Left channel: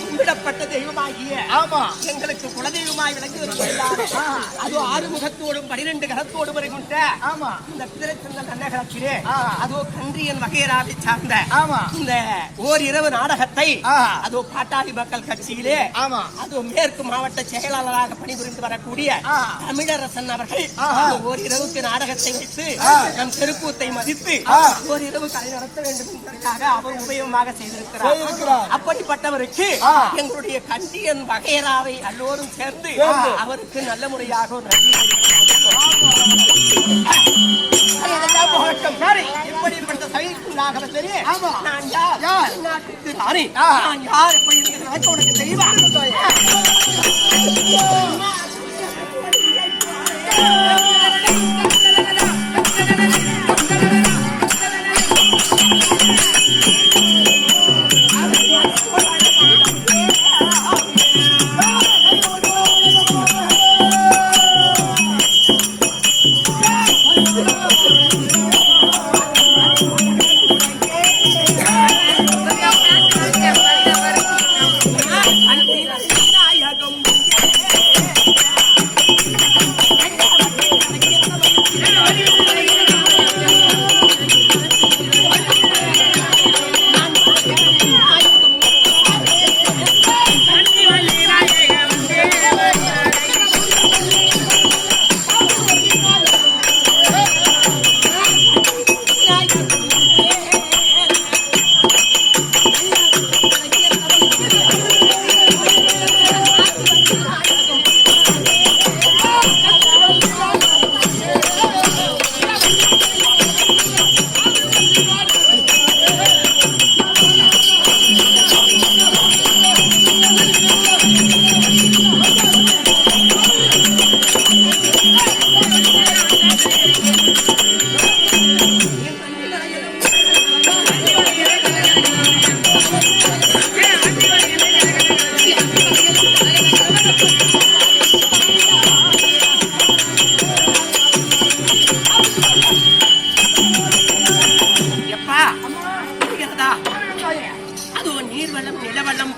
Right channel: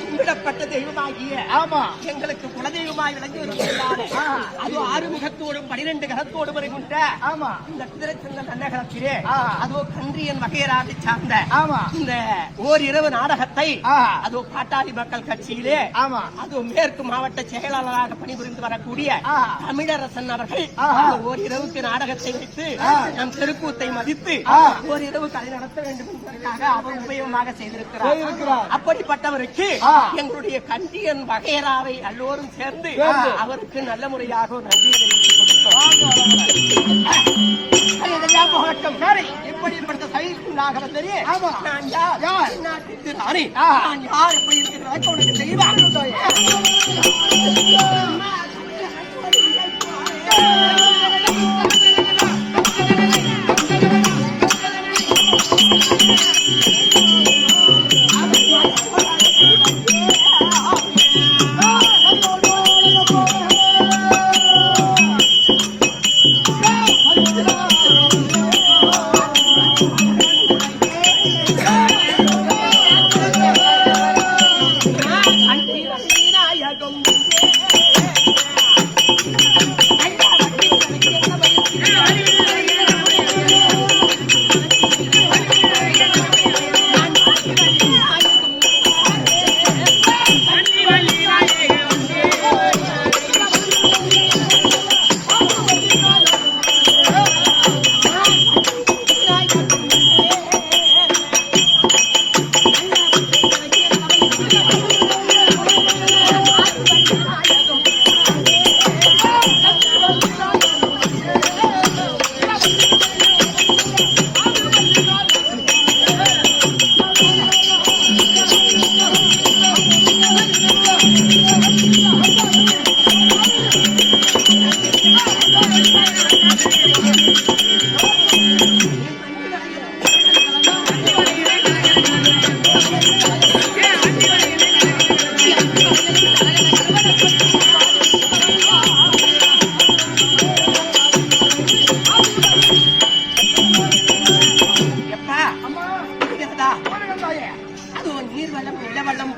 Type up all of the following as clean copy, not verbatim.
கும்பிடப்பட்ட தெய்வமாகிய எங்களுக்கு குலதெய்வமாய் விளங்கி வருகிறார். அது 6 முகத்தோடும் 12 கரத்தோடும் வருகின்ற இந்த திருச்செந்த நன்னகரத்திலே அதோ கன்றியன் வகையராவை சார்ந்த இந்த ஓரிரவு நாடகத்தை அதோ பாட்டாளி மக்கள் கட்சியிலே அதோ மேற்கு மாவட்ட செயலாளராக பணிபுரிந்து வரக்கூடிய தமிழரசன் அவர்கள் ஓரிரவுக்கு நாடகத்தை வைத்து நம் தெருக்கூத்தை மதித்து ஓரிரவு கலை நடத்த வேண்டும் என்பதற்காக அவர் உபயோகமாக செய்திருக்கிறார். அப்படிப்பட்டவருக்கு எங்களுடைய கண்டியன் வகையராவை எல்லோரும் சேர்ந்து அவருக்கு நல்ல முறையாக நன்றி எப்படிப்பட்ட செயலுக்குள்ளாக வந்தது நான் யார் நான் யார் எப்படி இருக்கிற உனக்கு தெரியுமா?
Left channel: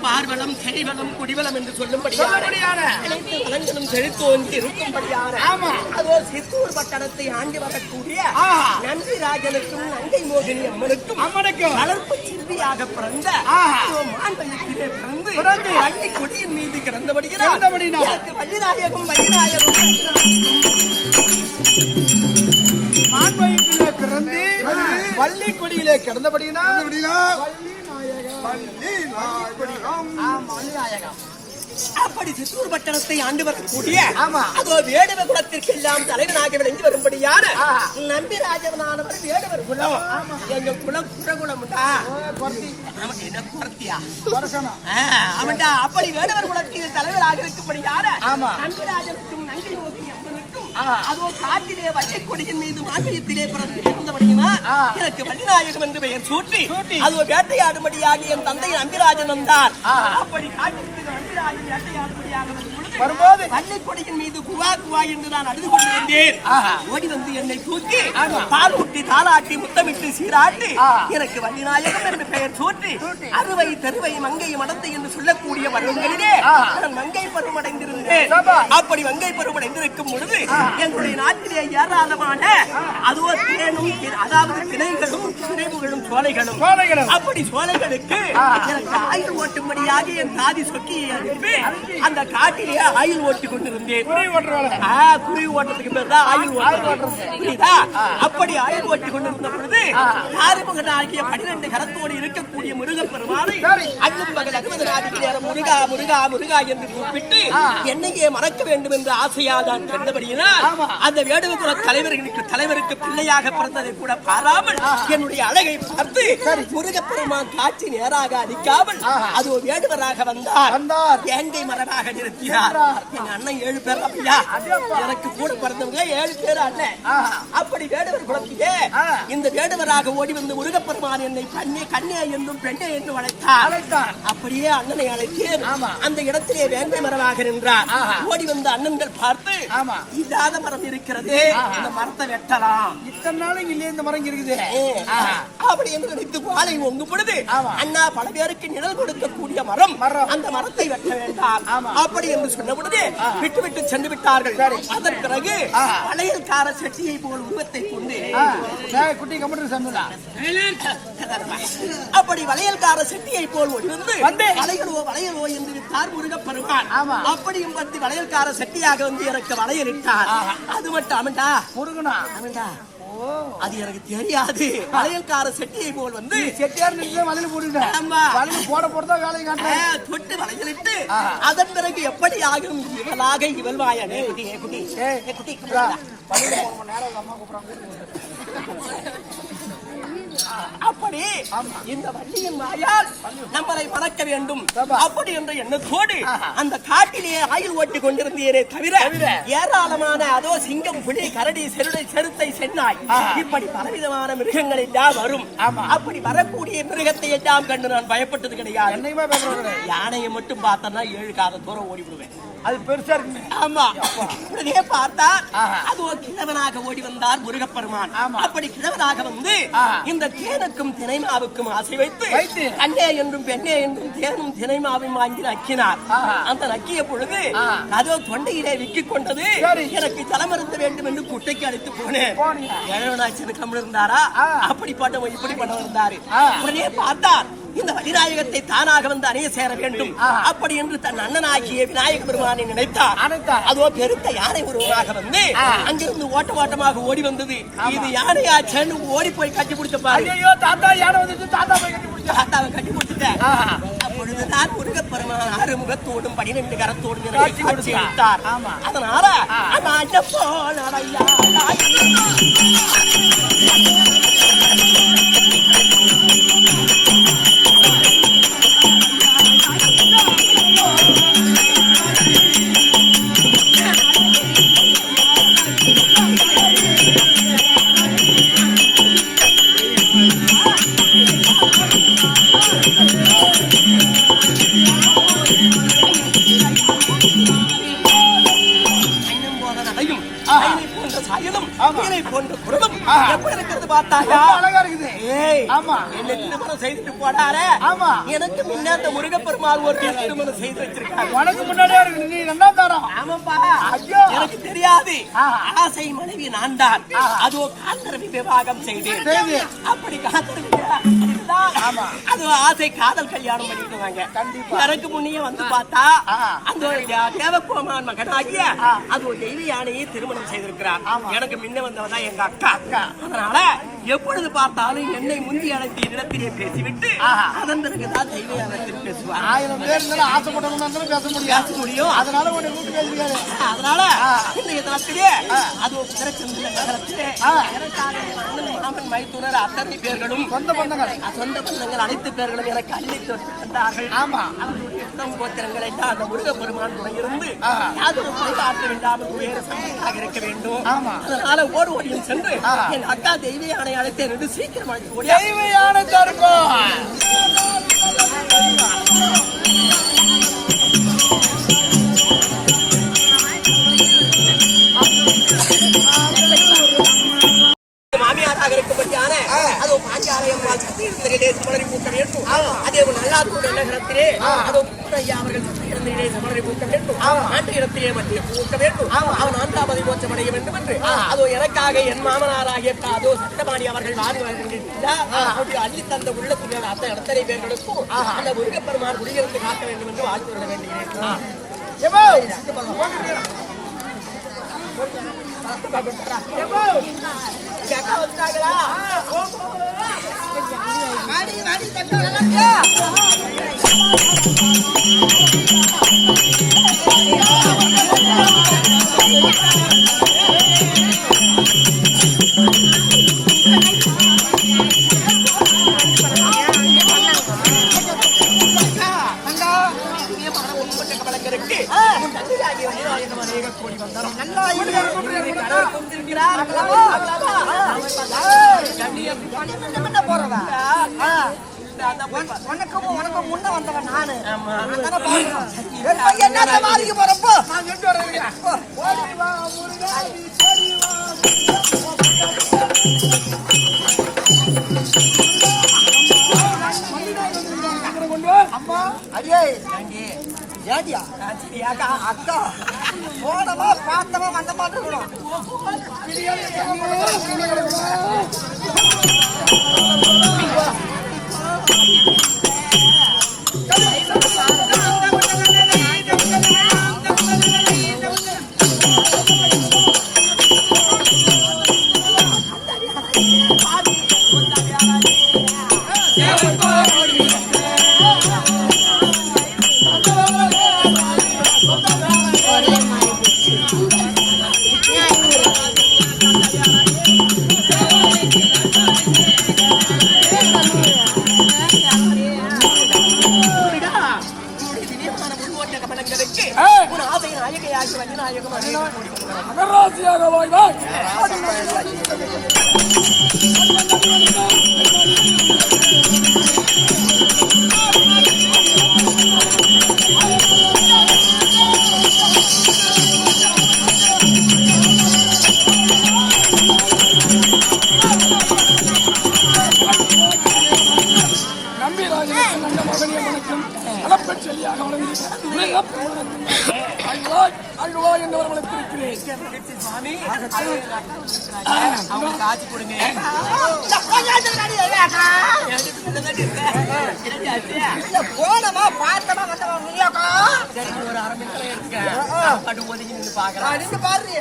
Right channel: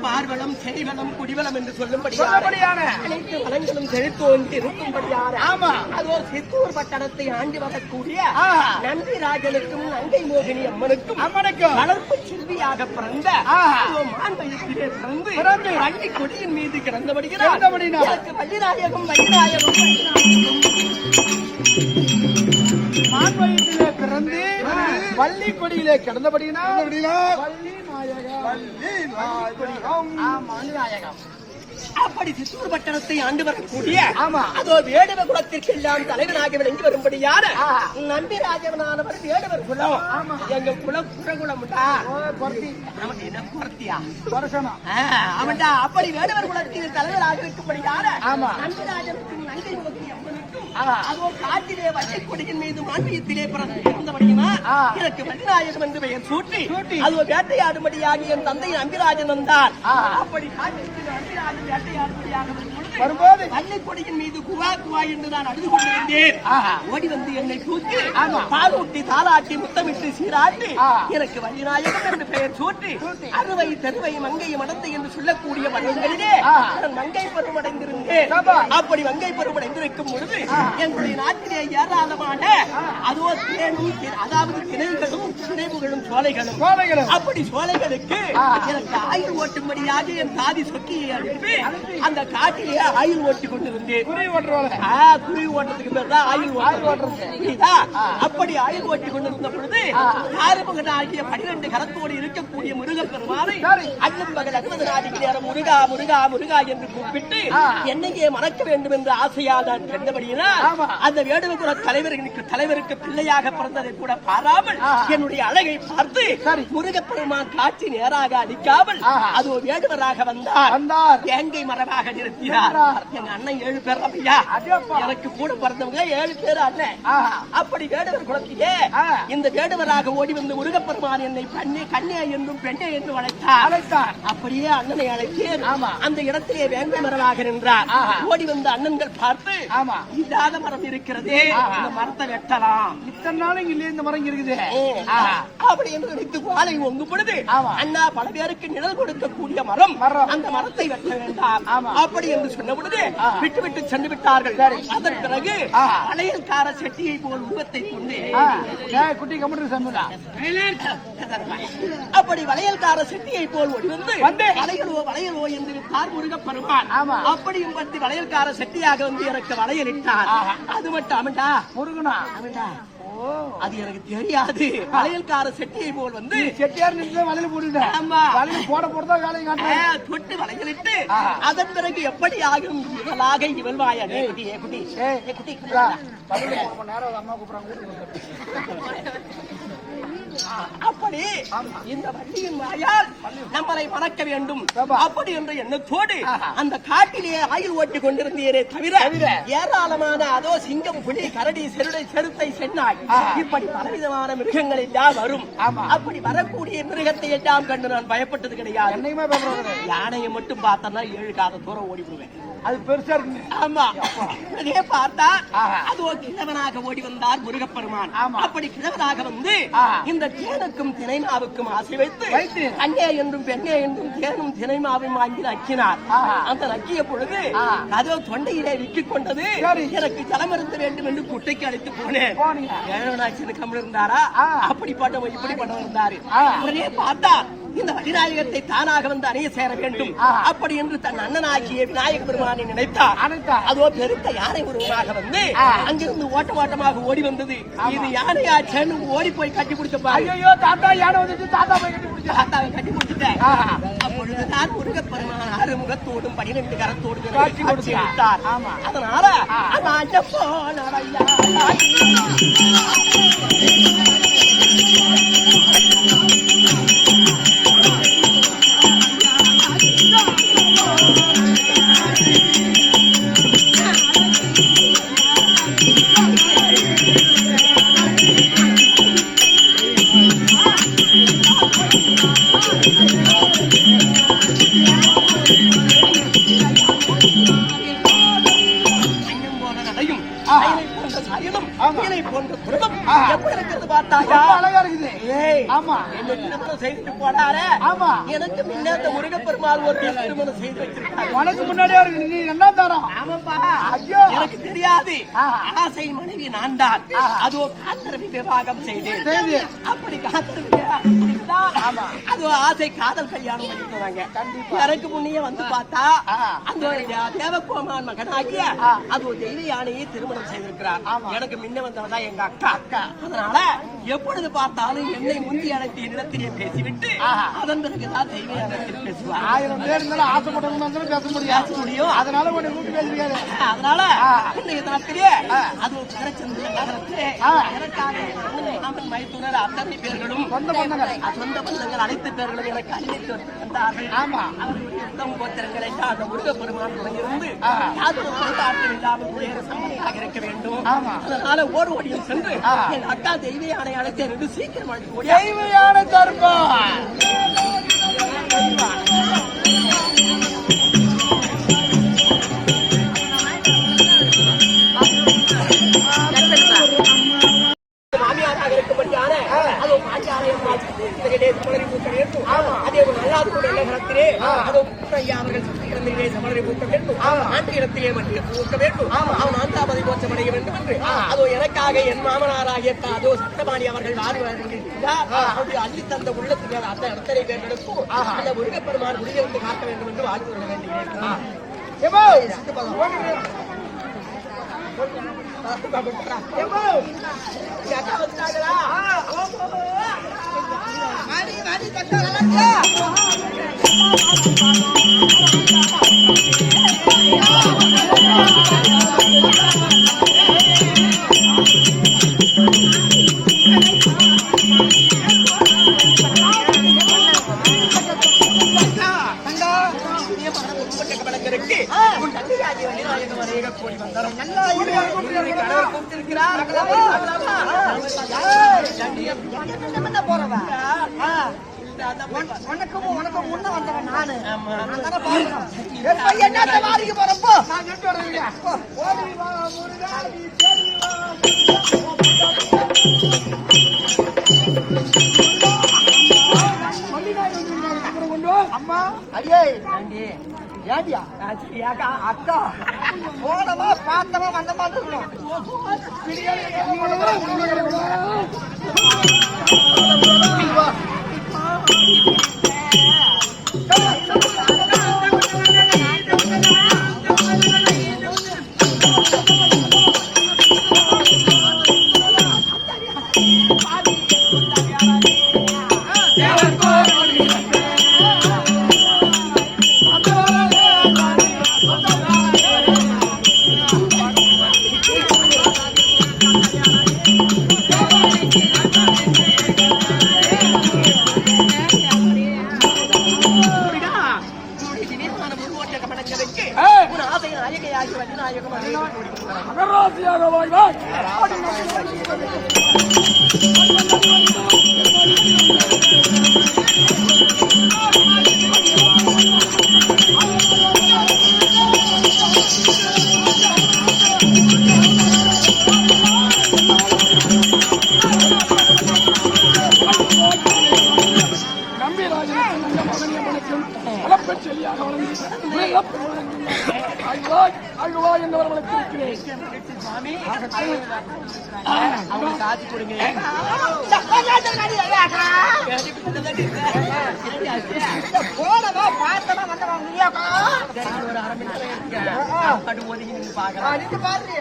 பார்வலம் செறிவலம் குடிவலம் என்று சொல்லும்படியான அனைத்து வளங்களும் செழித்தோங்கி இருக்கும்படியான அதோ சித்தூர் பட்டணத்தை ஆண்டு வரக்கூடிய நந்திராஜனுக்கும் நங்கை மோகினி அம்மனுக்கும் வளர்ப்பு சிறுவியாக பிறந்த மாண்பயத்திலே பிறந்து வள்ளி கொடியின் மீது கிடந்தபடியாக வள்ளிநாயகம் மாண்பயத்திலே பிறந்து வள்ளி கொடியிலே கிடந்தபடியினால் அப்படி சித்தூர் பட்டணத்தை ஆண்டு வரக்கூடிய அதோ வேடுவ குலத்திற்கெல்லாம் தலைவனாக விளங்கி வரும்படியான நம்பிராஜவனானவர் வேடுவர் குலம். எங்க குலம் குலகுலம்டா என்ன குறத்தியா அவன்டா. அப்படி வேடுவர் குலத்தில் தலைவராக இருக்கும்படியான நம்பிராஜனுக்கும் நங்கை நோக்கி அதோ காட்டிலே வள்ளி கொடியின் மீது மாண்பயத்திலே பிறந்தபடியினா எனக்கு வள்ளிநாயகம் என்று பெயர் சூட்டி அதோ வேட்டையாடும்படியாக என் தந்தை நம்பிராஜன் வந்தார். அப்படி காட்டிற்கு நம்பிராஜன் வேட்டையாடும்படியாக வரும்போது வள்ளி கொடியின் மீது குவா குவா என்று நான் அழுது கொண்டிருந்தேன். ஓடி வந்து என்னை தூக்கி பால் ஊட்டி தாளாட்டி முத்தமிட்டு சீராட்டி எனக்கு வள்ளிநாயகம் என்று பெயர் சூட்டி அறுவை தெருவை மங்கை மடந்தை என்று சொல்லக்கூடிய பருவங்களிலே நான் மங்கை பருவம் அடைந்திருந்தேன். அப்படி மங்கை பருவம் அடைந்திருக்கும் பொழுது எங்களுடைய நாட்டிலே ஏராளமான அதோ தேனும் அதாவது திணைகளும் திணைவுகளும் சோலைகளும் அப்படி சோலைகளுக்கு எனக்கு ஆயுள் ஓட்டும்படியாக என் தாதி சொக்கியை அனுப்பி அந்த காட்டிலே ஆயுள் ஓட்டி கொண்டிருந்தேன். குருவி ஓட்டத்துக்கு பேர் தான் ஆயுள் ஓட்டுறது, புரியுதா? அப்படி ஆயுள் ஓட்டி கொண்டிருந்த பொழுது ஆறுமுகன் ஆகிய 12 கரத்தோடு இருக்கக்கூடிய முருகப்பெருமானை அல்லும் பகல் 60 நாளைக்கு நேரம் முருகா முருகா முருகா என்று கூப்பிட்டு என்னையே மறக்க வேண்டும் என்று ஆசையாக நான் கண்டபடியினா அந்த வேடுவகுல தலைவருக்கு பிள்ளையாக பிறந்ததை கூட பாராமல் என்னுடைய அழகை பார்த்து முருகப்பெருமான் காட்சி நேராக அளிக்காமல் அது வேடுவராக வந்தார். வேங்கை மரமாக நிறுத்தினார். எங்க அண்ணன் 7 பேர் ஐயா, எனக்கு கூட பிறந்தவங்க 7 பேர் அண்ணன். அப்படி வேடுவர் குலத்திலே இந்த வேடுவராக ஓடி வந்து முருகப்பெருமான் என்னை கண்ணே என்றும் பெண்ணே என்று அழைத்தார். அப்படியே அண்ணனை அழைத்தேன். அந்த இடத்திலே வேங்கை மரமாக நின்றார். ஓடி வந்த அண்ணன்கள் பார்த்து இல்லாத மரம் இருக்கிறது, இந்த மரத்தை வெட்டலாம். இத்தனை நாளும் இல்லையே இந்த மரம் இருக்குது அப்படி என்று நினைத்து வாழை ஒங்கும் பொழுது அண்ணா பல பேருக்கு நிழல் கொடுக்கக்கூடிய மரம், அந்த மரத்தை வெட்ட வேண்டாம் அப்படி என்று சொன்ன பொழுது விட்டு விட்டு சென்று விட்டார்கள். அதன் பிறகு வளையல்கார செட்டியை போல் உருவத்தை கொண்டு குட்டி கம்ப்யூட்டர் சம்பளா அப்படி வளையல்கார செட்டியை போல் வந்து வளையலோ என்று விட்டார் முருகப்பெருமான். அப்படியும் பத்தி வளையல்கார செட்டியாக வந்து எனக்கு வளையல் இட்டார். அது மட்டும் அவன்டா முருகனா அவன்டா அது எனக்கு தெரியாது. வளையல்கார செட்டியை போல் வந்து செட்டியார் வளையல் போட்டுட்டேன் போட போறதா வேலையை காட்டுறேன் தொட்டு வளையலிட்டு அதன் பிறகு எப்படி ஆகும் இவளாக இவள் வாயாடே குட்டி குட்டி குட்டி 3 மணி நேரம் அம்மா கூப்பிடுறாங்க. அப்படி இந்த வள்ளியின் வாயால் நம்மளை மறக்க வேண்டும் அப்படி என்ற எண்ணத்தோடு அந்த காட்டிலே ஆயுள் ஓட்டி கொண்டிருந்தேனே தவிர ஏராளமான அதோ சிங்கம் புலி கரடி செருத்தை சென்னாய் இப்படி பலவிதமான மிருகங்கள் எல்லாம் வரும். அப்படி வரக்கூடிய மிருகத்தை எல்லாம் கண்டு நான் பயப்பட்டது கிடையாது. யானையை மட்டும் பார்த்தா 7 காத தூரம் ஓடி விடுவேன். அது பெருசா இருக்கு. ஆமா, அதே பார்த்தா அது கிழவனாக ஓடி வந்தார் முருகப்பெருமான். அப்படி கிழவனாக வந்து இந்த தேனுக்கும் தினைமாவுக்கும் ஆசை வைத்து கண்ணே என்றும் பெண்ணே என்றும் தேனும் தினைமாவும் வாங்கி நக்கினார். அந்த நக்கிய பொழுது அதோ தொண்டையிலே விக்கிக் கொண்டது. எனக்கு ஜலமருந்த வேண்டும் என்று குட்டைக்கு அழைத்து போனேன். ஏழவனாச்சின்னு கம்மல் இருந்தாரா, அப்படி பட்டவன் இப்படி பட்டவன் இருந்தாரு. உடனே பார்த்தார் இந்த வடிநாயகத்தை தானாக வந்து அணைய சேர வேண்டும். அப்படி என்று தன் அண்ணனாகிய விநாயக பெருமானை நினைத்தார். அதோ பெருத்த யானை உருவமாக வந்து அங்கிருந்து ஓட்டமாக ஓடி வந்தது. இது யானையாச்சேன்னு ஓடி போய் கட்டி பிடிச்சப்பாரு. தாத்தா யானை வந்து தாத்தாவை கட்டி பிடிச்சிட்டேன். அப்பொழுதுதான் முருகப்பெருமான் ஆறுமுகத்தோடும் 12 கரத்தோடும் காட்சி அளித்தார். அதனால போன்ற குடும்பம் எப்படி இருக்கிறது பார்த்தாயா? அழகா இருக்குது. என்ன திருமணம் செய்துட்டு போனாரே. எனக்கு முன்ன அந்த முருகப்பெருமாள் ஒரு திருமணம் செய்து வச்சிருக்காரு. உனக்கு முன்னாடியே இருக்கு. நீ என்ன தரம்? ஆமாப்பா, எனக்கு தெரியாது. ஆசை மனைவி நான் தான். அதோ காதலவி விவாகம் செய்தேன். அப்படி காதலவி அது ஆசை காதல் கல்யாணம் பண்ணிருக்காங்க. எனக்கு முன்னையே வந்து பார்த்தா அந்த தேவகோமான் மகனாகிய அது ஒரு தெய்வ யானையை திருமணம் செய்திருக்கிறார். எனக்கு முன்ன வந்தவதான் எங்க அக்கா. அதனால எப்பொழுது பார்த்தாலும் என்னை முந்தி அழைத்து இடத்திலே பேசிவிட்டு அதன் பிறகுதான் தெய்வ யானத்தில் பேசுவார். 1000 பேர் இருந்தாலும் ஆசைப்பட்டவங்க பேச முடியும். அதனால உன்னை கூட்டு பேசுகிறாரு. அதனால இன்றைய தினத்திலே அது சிறச்சந்திர நகரத்திலே எனக்காக மாமன் மைத்துனர் அத்தனை பேர்களும் சொந்த பந்தங்கள் அனைத்து பேர்களும் எனக்கு அள்ளித்து வந்தார்கள். அவர்களுடைய உத்தம கோத்திரங்கள் எல்லாம் அந்த முருகப்பெருமான் இருந்து யாதொரு குறைபாட்டம் இல்லாமல் வேறு சம்பந்தாக இருக்க வேண்டும். அதனால ஓடியும் சென்று என் அக்கா தெய்வ யானை அழைத்து என்று சீக்கிரம் அழைத்து தெய்வ யானை தருப்போம். மாமியாராக இருக்கும்படியான அதோ பாஞ்சாலயம் சமணரி பூக்க வேண்டும். அதே நல்லாத்தூர் நகரத்திலே அதோ ஐயா அவர்கள் சமணரி பூக்க வேண்டும். ஆண்ட இடத்திலே மத்திய பூக்க வேண்டும். அவன் ஆந்திராபதி மோட்சம் அடைய வேண்டும் என்று அதோ எனக்காக என் மாமனாராகிய அதோ சட்டபாணி அவர்கள் வாழ்வார்கள் அள்ளி தந்த உள்ளத்தில் அந்த இடத்தனை பேர்களுக்கும் அந்த முருகப்பெருமான் குடியிருந்து காக்க வேண்டும் என்று வாழ்த்து விட வேண்டுகிறேன். உனக்கும் முன்ன வந்தவன் நானு. அம்மா அடியே ஏடியா அக்கா போனமா பார்த்தமா வந்த மாதிரி இருக்கணும். போனமா பார்த்தமா வந்தமா முடியாக்கா. சரி நீ ஒரு 1/2 மணி நேரம் எடுத்துக்க. பட்டு ஒதுங்கி நின்று பாக்கலாம். நீங்க பாரு.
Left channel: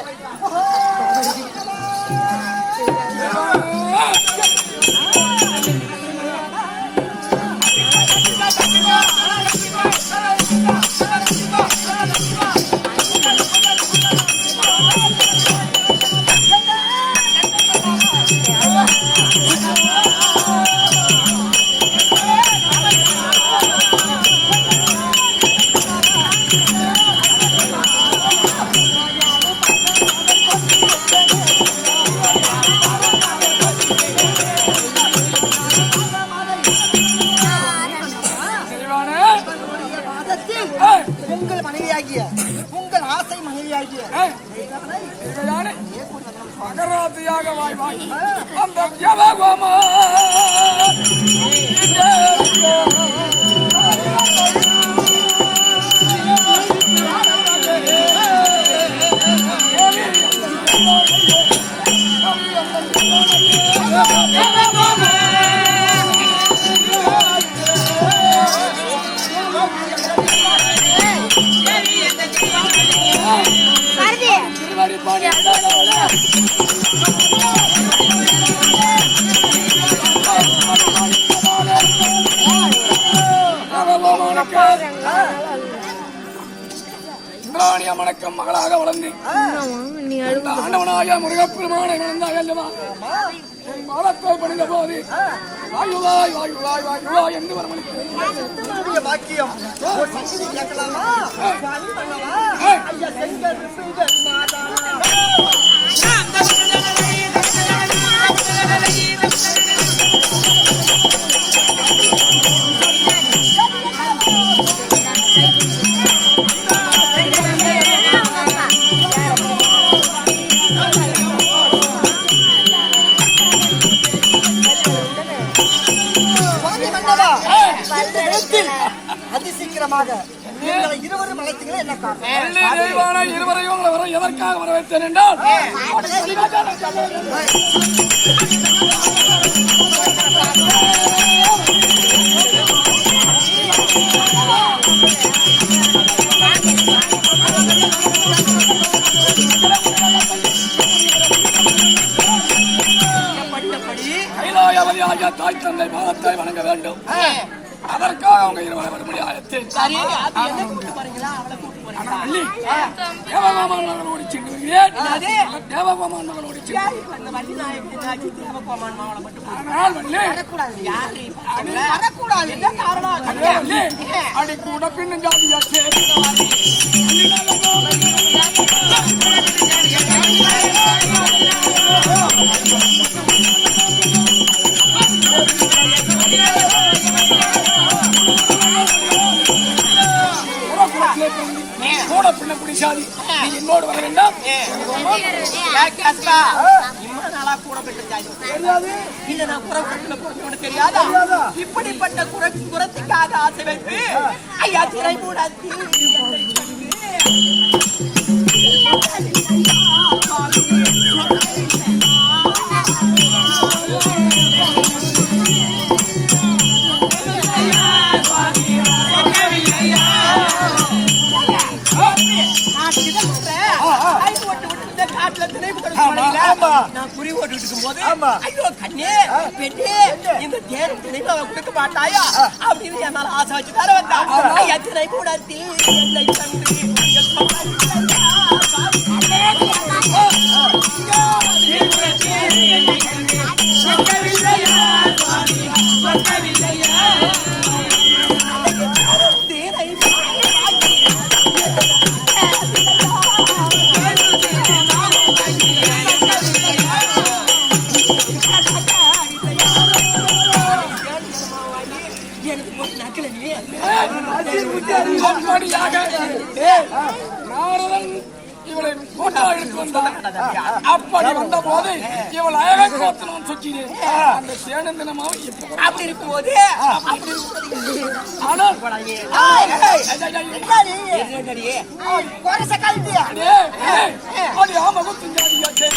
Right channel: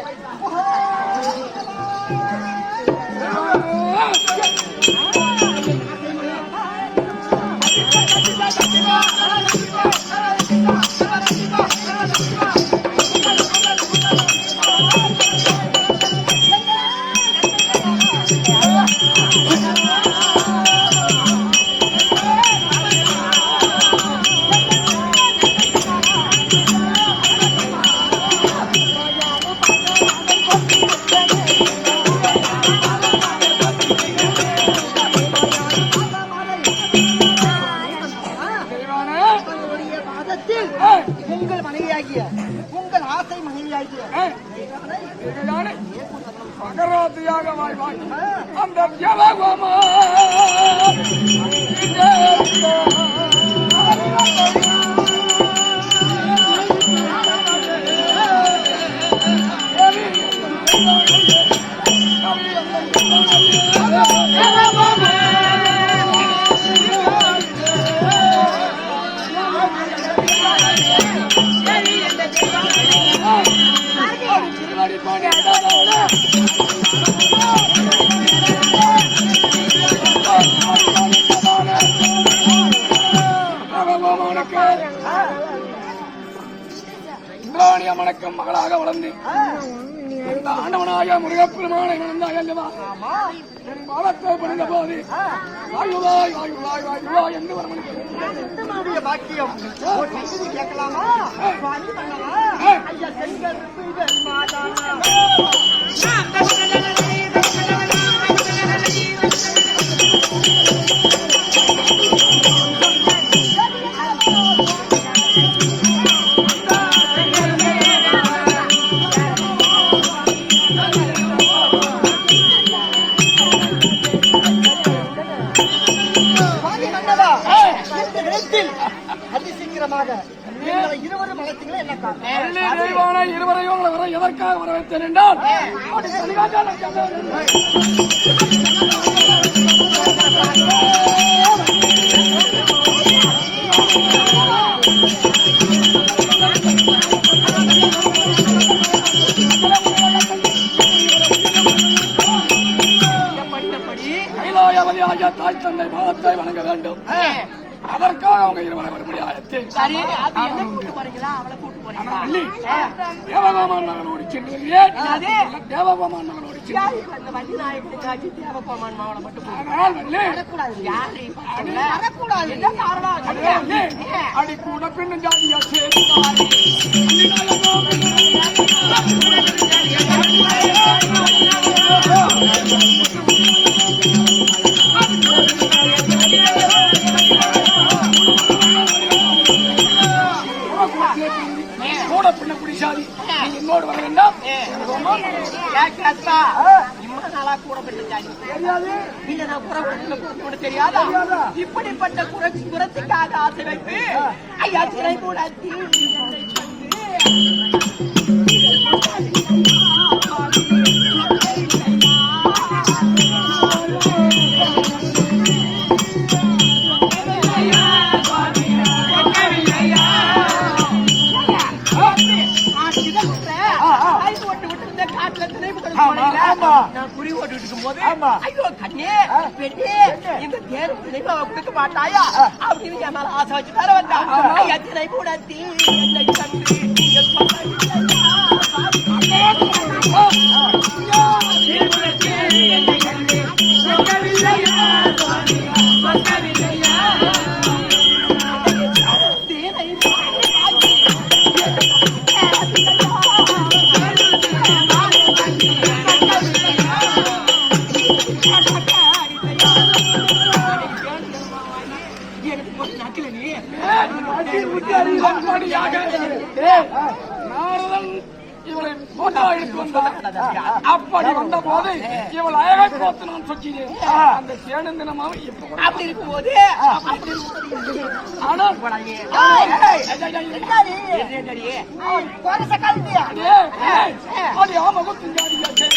உங்கள் மனைவியாகிய உங்கள் ஆசை மனைவியாகிய மகராத்தியாக வாய் வாய் அந்த ஜபகோமா மணக்கம் மகளாக வளர்ந்து ஆண்டவனாய முருகப்பெருமானை வளர்ந்தாய் அல்லவா? என் பாலத்தை பணிந்த போது வாயுவாய் வாயுவாய் வாயுவாய் என்று வரமளிக்க பாக்கியம் கேட்கலாமா? அதிசீக்கிரமாக இருவரும் அழைத்தீங்களே என்ன காரணம்? இருவரையும் வர எதற்காக வர வைத்தேன் என்றால் கைலாயவதியாகிய தாய் தந்தை பாதத்தை வணங்க வேண்டும். அதற்காக அவங்க இருவரை வரும்படி ஆயத்தேன். தேவகோமான் மகளோடு சென்று வருகிறேன். தேவகோமான் மகளோடு அடி கூட பின்னு ஜாதியாச்சே கூட பின்ன குடிசாதி என்னோடு வர வேண்டாம். நாளா கூட பெற்ற தெரியாது இல்ல நான் குறை தெரியாதா? இப்படிப்பட்ட குரத்துக்காக ஆசை வைப்பு ஐயா திரை மூடாத்தி நான் குறி ஓட்டு இருக்கும் போது ஐயோ கண்ணே பெண்ணே இந்த தேர் நினைவு கொடுக்க மாட்டாயா அப்படின்னு என் மேல ஆசை வச்சு தர வந்தா. ஐயா திரை கூடத்தி என்னை கண்டு இவளை அப்படி வந்த போது இவள் அழகை பார்த்து நான் சொக்கிறேன். அந்த சேனன் தினமாக அப்படி இருக்கும் போது அது ஆமகுத்தின் ஜாதியாச்சே.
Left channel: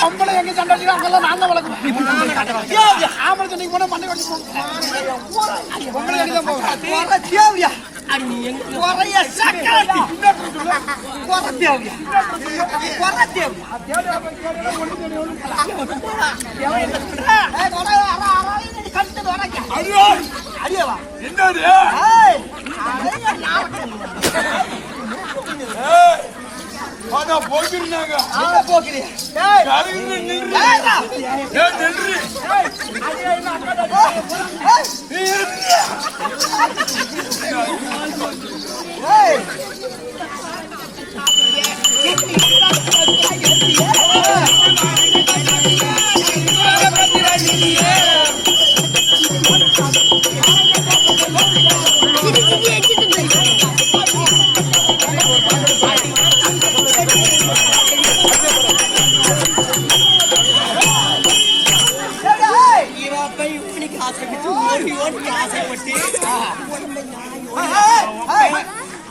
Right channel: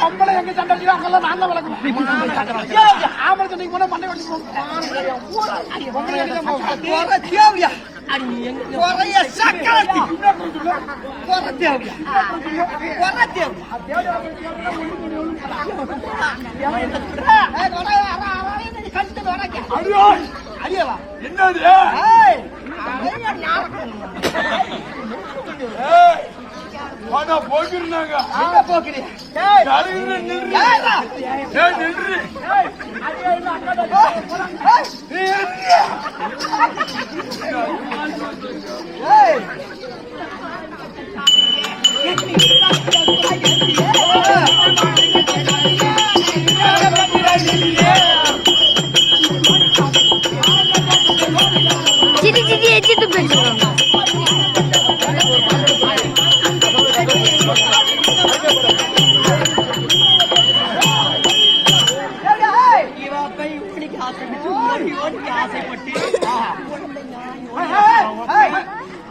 பொம்பளை எங்க சண்டை அடிக்கிறா அங்கெல்லாம் நான் தான் வளர்க்குறேன். ஆம்பளை சண்டைக்கு போனா மண்டை வண்டி போக்கிருந்தாங்க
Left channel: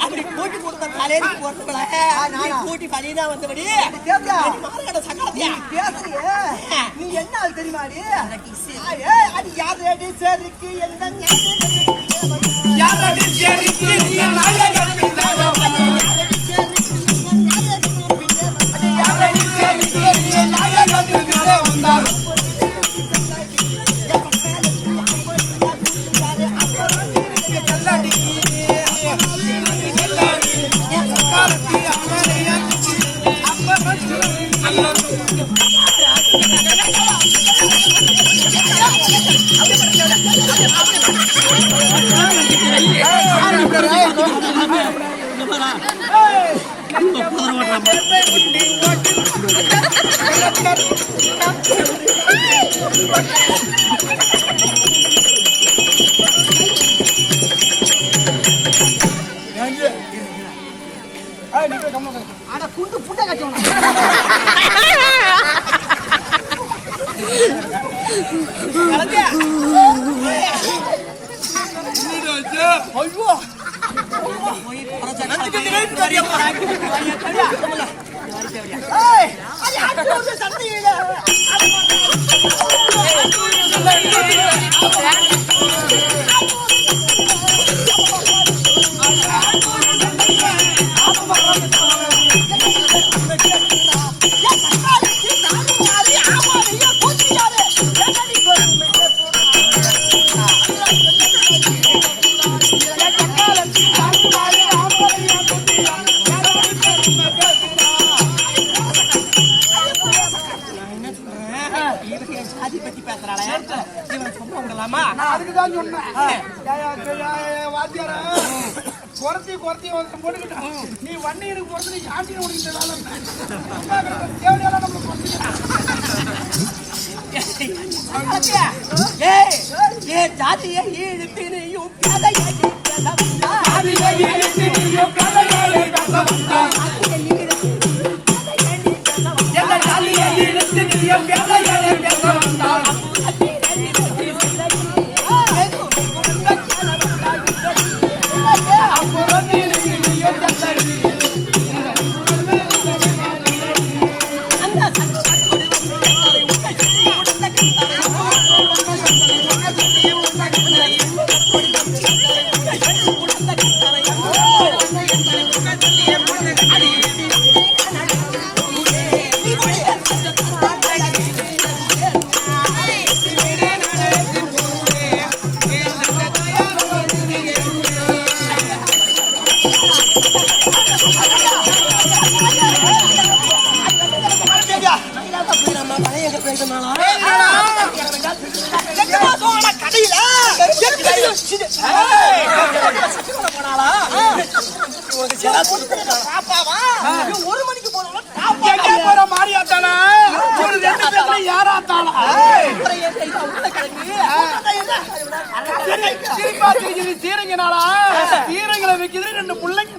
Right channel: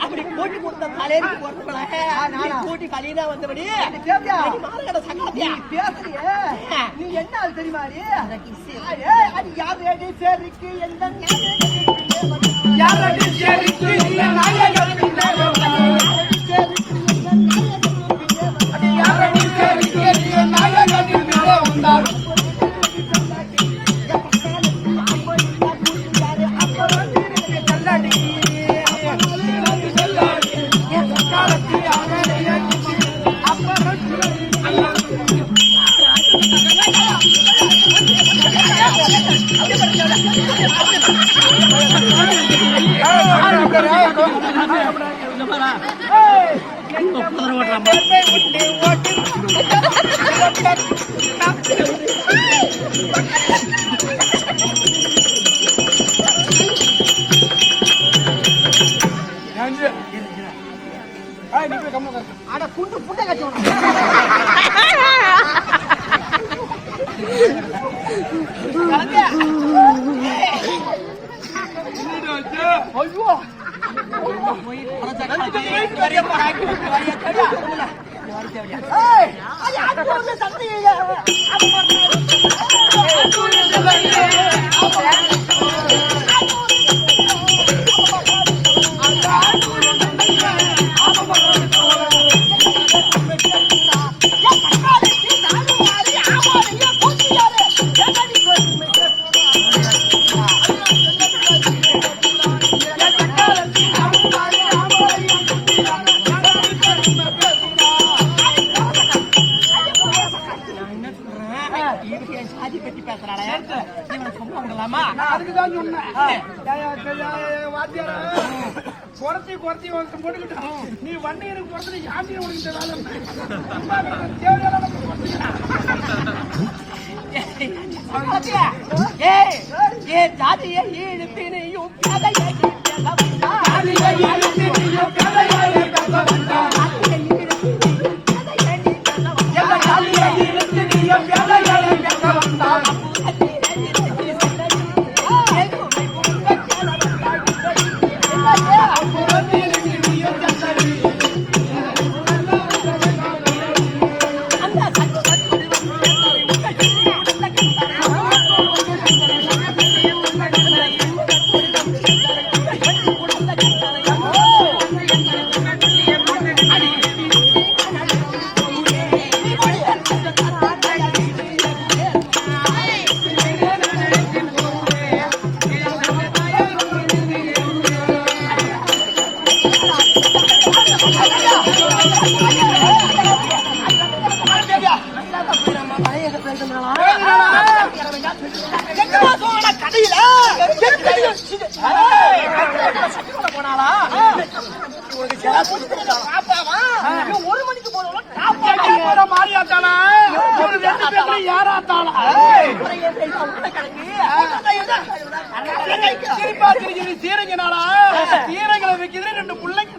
அப்படி போட்டி கொடுத்த தலைக்கு போட்டி பலினா வந்தபடி பேசுறிய நீ என்ன ஆள் தெரியுமா அது யாரு சரிக்கு எந்த குண்டு புட்டை கட்டணும் குறைச்சி போட்டுக்கிட்டான். நீ வண்டி எனக்கு குறைச்சி யாத்தி உனக்கு ஜாதியை இழுத்தினையும் கதையை ஒரு மணிக்கு போற மாறியாத்தானா யாராத்தானா சிரிப்பா சிரிக்குது சீரங்கனாலா சீரங்களை வைக்குது ரெண்டு பிள்ளைங்க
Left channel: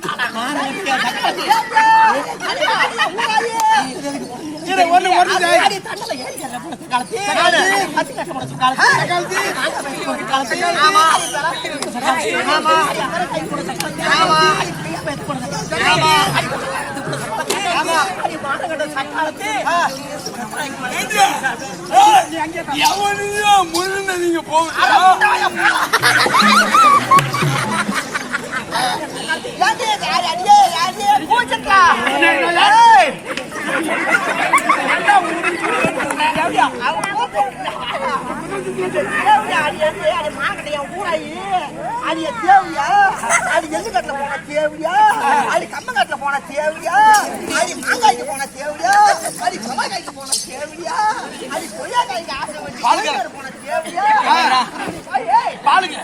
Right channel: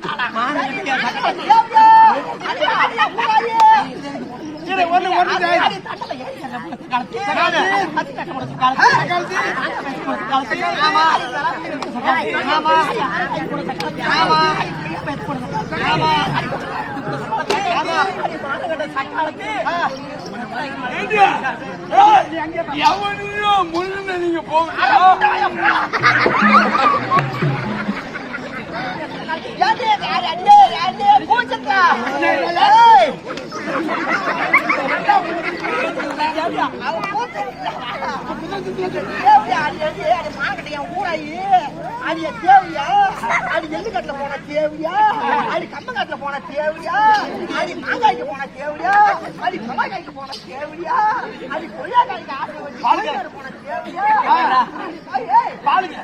முன்னு நீங்க போங்க அது தேவையா அது எள்ளு கட்டில போன தேவையா அது கம்மங்கட்டில போன தேவையா அது மாங்காய்க்கு போன தேவையா அது செவ்வாய்க்காய்க்கு போன தேவையா அது கொய்யாக்காய்க்கு ஆசை வச்சு போன தேவையா பாலுக்கு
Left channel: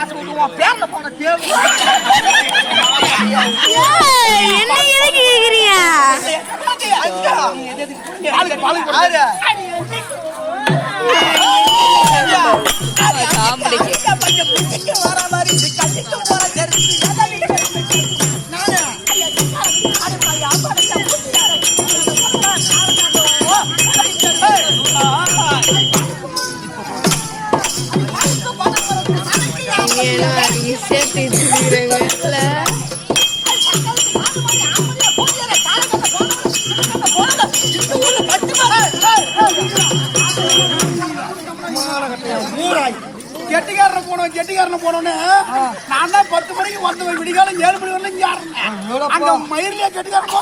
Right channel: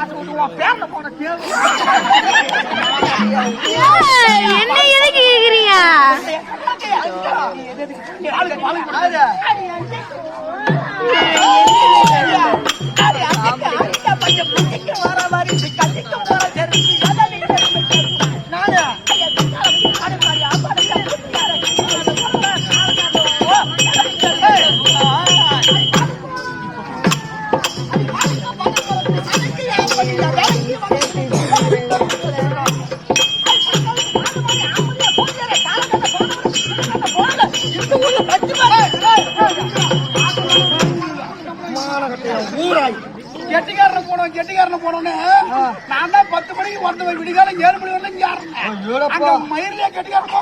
ஆசை வச்சு பேர்ல போன தேவையா என்ன எதுக்கு கேக்குறீங்க? வர மாதிரி கண்டிக்க போற கெட்டிக்காரன போனோன்னு நான் தான் 10 மணிக்கு வந்தவன் விடிகாலம் 7 மணி வரல இங்க அங்க மயிரிலே கெட்டிக்காரன்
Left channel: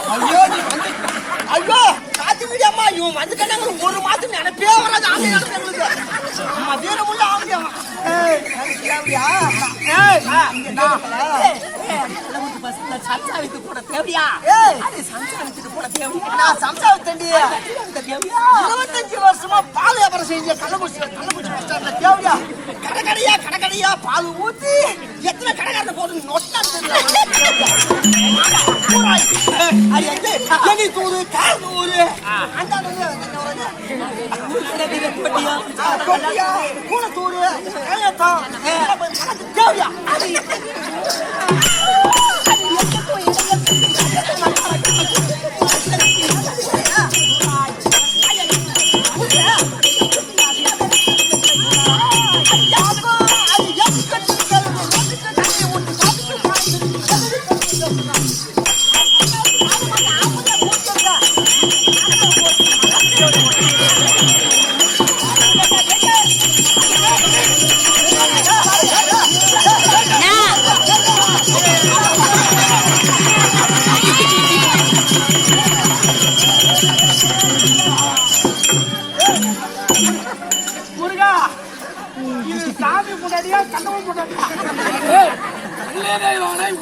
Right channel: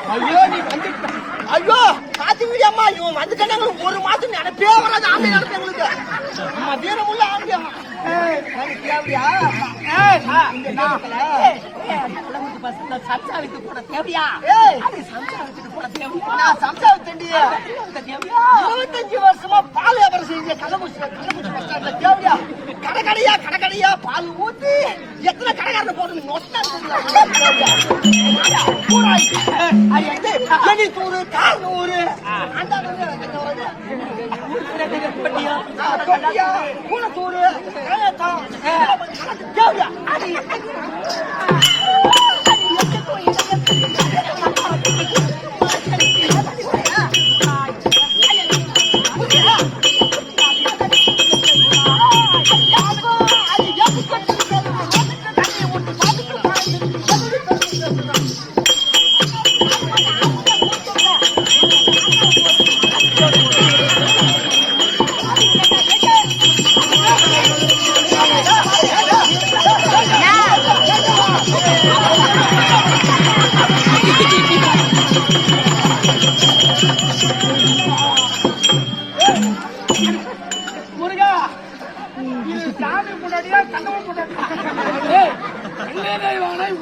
ஐயோ காத்து வீடி அம்மா இவன் வந்துட்டாங்க ஒரு மாசம் நினைப்பே வராது ஆம்பளை எங்களுக்கு அம்மா வீரமுள்ள ஆம்பளை வருஷமா பால் வியாபாரம் செஞ்ச கள்ளக்குறிச்சி பஸ் ஸ்டாண்ட்ல தேவையா கடைக்கடையா பால் ஊத்தி எத்தனை கடைக்காரனை போட்டு நொட்டா தூரு கால் நூறு பூனத்தூரு தேவையா அது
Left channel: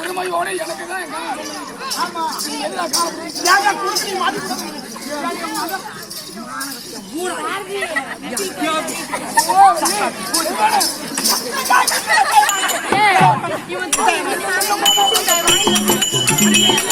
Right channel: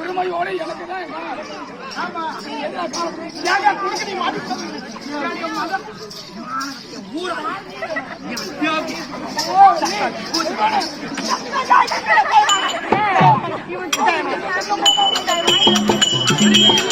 உரிமையோடு எனக்கு தான் ஆமா எல்லா காலம் அடிமையிலே